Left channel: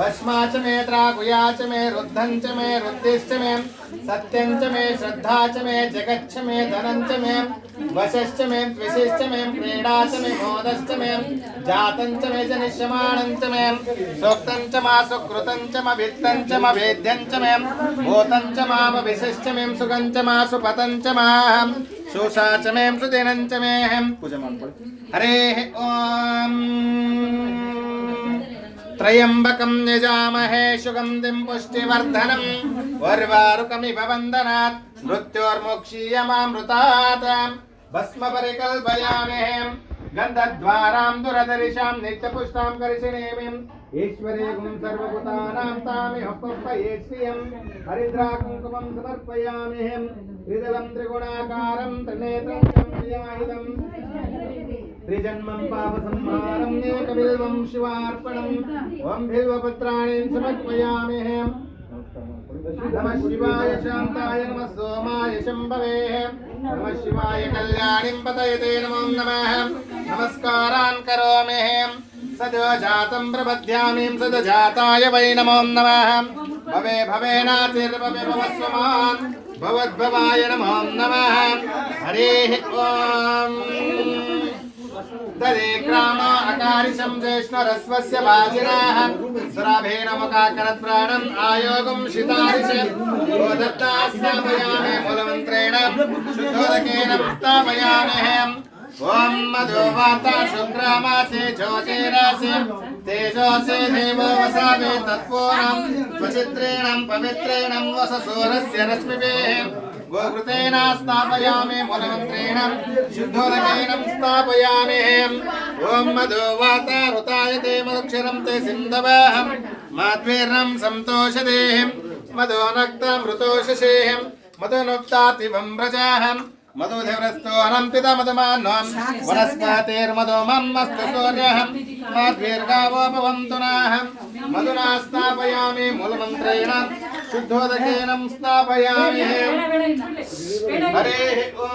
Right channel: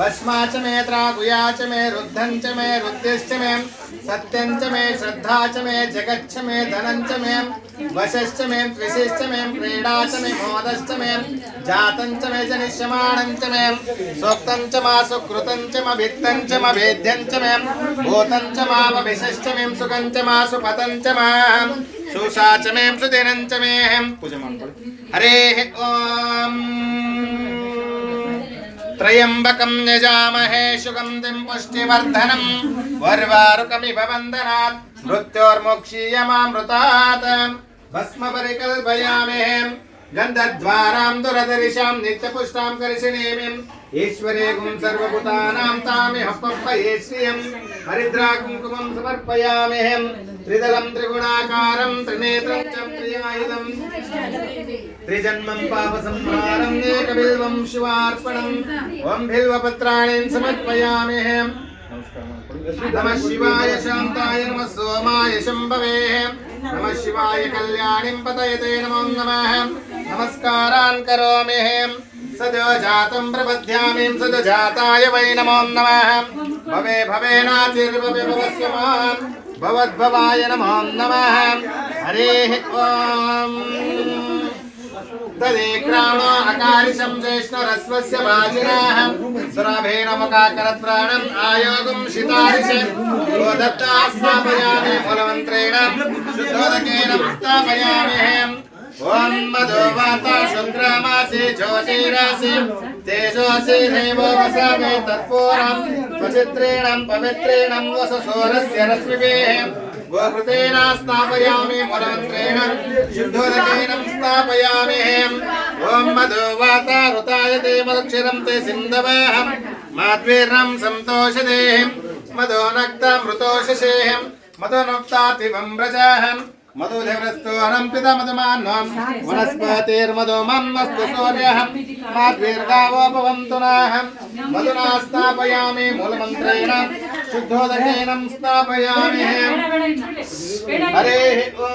भस्मा च मे त्राकुया च मे रुद्धं च मे रुद्धिश्च मे सत्यं च मे श्रद्धा च मे जगच्च मे धनं च मे वशश्च मे द्विषश्च मे क्रीडा च मे मोदश्च मे जातं च मे जनिष्यमाणं च मे सोक्तं च मा सुकृतं च म वित्तं च म वेद्यं च मे भूतं च मामभिषश्च मे सुखं च मा सुपतं च मा शोषा च मे सुदिनं च मे हरेः ॐ त्रयंबकं यजामहे सुगन्धिं पुष्टिवर्धनम् उर्वारुकमिव वन्दनात् मृत्योर्मुक्षीयमामृतात् भस्म परिकल्पयामहे गन्धद्वारां दुरदर्शां नित्यपुष्टां करिशिणीमिं ईश्वरे गुं सर्वभूतानां तामिह पप्पये श्रियं हरिद्राकुङ्कुमं समर्पयामहे त्रिदलं त्रिगुणाकारं त्रिनेत्रं च प्रियायुधं त्रिजन्मं पापसंहारं एकबिल्वं शिवार्पणम् ॐ बिल्वपत्राणि समर्पयामहे नमः शिवाय शान्ताय नमः सोमाय शम्भवे नमः शिवाय कल्याणीं पतयते नमो नमः नमस्कारान् करोमि सद्यो जातं प्रपद्यामि सद्यो जाताय वै नमो नमः भवे भवेनातिर्भवे भवस्वमान् भवद्भवाय नमो नमः हरेः ॐ तदेक्रामो अकारिशं वैष्णरस्वस्य वाजिनः सुराभेन मुखाकरत्राणम् आयोगं शितारिष गोदत्ता स्थापयामि मूलमन्त्रेण शुद्धोदकेन स्थापयामि ॐ मधो वाता शुक्रामासि ज्योतिरासि तेजोसि देवो वसावे तत्पूर्णं स्वचित्रेण पवित्रेण वससोरस्य रश्मिभिः गोकृतेन स्थापयामि मूलमन्त्रेण शुद्धोदकेन स्थापयामि ॐ मधो वाता ऋतायते मदक्षरं ते सिन्धवः माध्वीर्णं सन्तोषदेः मधो नक्तमृतोषसेः मधुनुक्तातिवं व्रजः मधुदेवस्तोनं पिता मधुमान्वं वनस्पतिर्मधु मन्मस्तु सूर्यः माध्वीर्गावोपवन्तु नः मधुना स्थापयामि मूलमन्त्रेण शुद्धोदकेन स्थापयामि हरेः ॐ